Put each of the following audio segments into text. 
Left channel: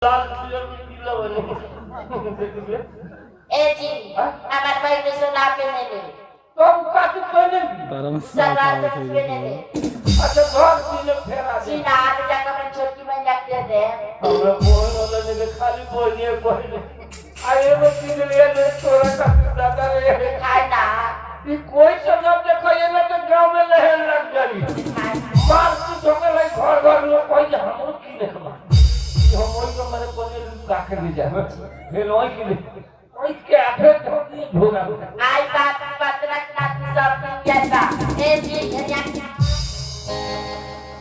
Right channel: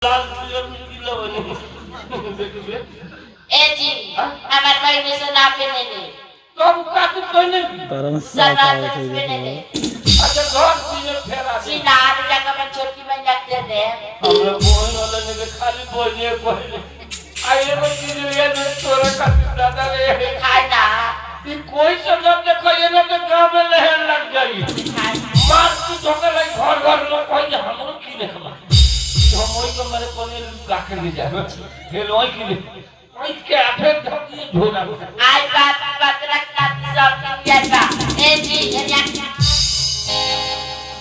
ए जी हमारे भाई ने सुना पे नहीं ले तो काटे कोई नहीं सरवार से पे नहीं ले अच्छा घर सीने फेरा दे सीना आने जगह में छोटी में रख दे दे हमरा बोल वाला ने खाली बोलिए पहले आए वो चीज ले दे तोरा का दादा रे खाए ना ये कोई से न देखो ये लोग गांव में लहर लग गई मार की धोखे लाई घर घर लोग कोई हमरो की देखला हमरो तो मारे कोने राखे ले जाए हे लोई की कोई के आफे धोती झोला आई बात बात रखना सब दिन याद बा ए जी ये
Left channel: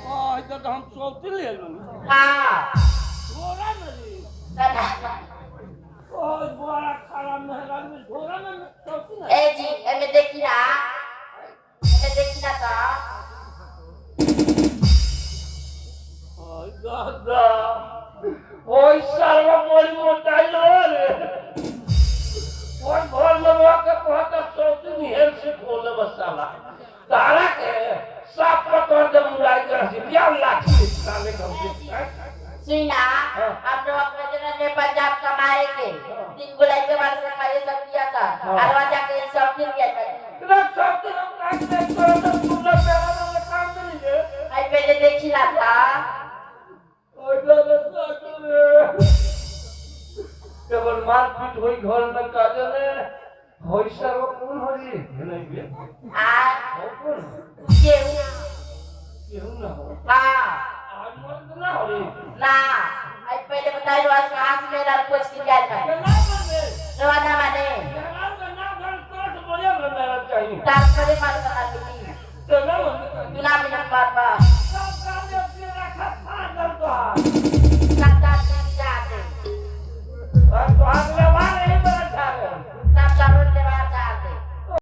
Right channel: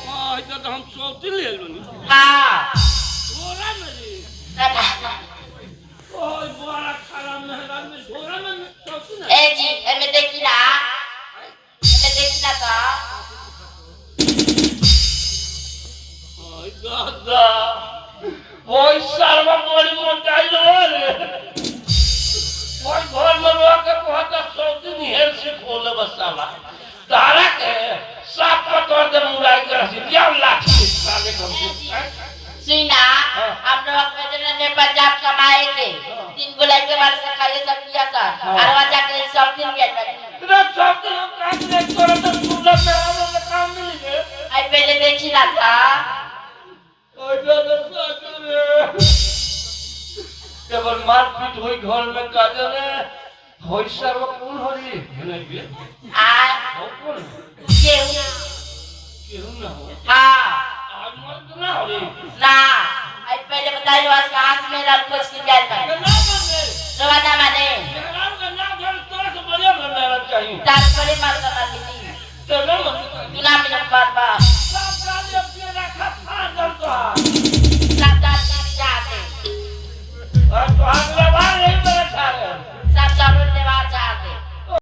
हां इधर हम सोती ले लनी हां छोरा नहीं ओए बड़ा खराब मेहरान में छोरा में सोती ना ए जी ए में देखी ना तो ओए दादा ओए सारा बड़ी मोटाई रे ओए घर में लोग के बहुत सोती नहीं है से खोले बसाला तारा के साफ कर दे मुराई कर से या लाठी साले कम सीना हम लोग में ने पंजाब कमाए के 3 गुलाई के बार से खाए सब किया था और वहां जाके सब दिन गया था इतना सब दिन काम नहीं करो तो सुना पे काम मिल गए आई पहले देखी ना था ओए दादा सासुरे केवल मारपीट होई घर में काजे ने होई सब कौन होई नहीं बे आ हो कौन केहू ना हो हां आज मत ना हो रे ना आई पहले बताई आज कहां से मेरा कुछ की गया था ना बने रवाना माने मेहरान का ना घर तो से बड़े बनना चाहिए तार पर मार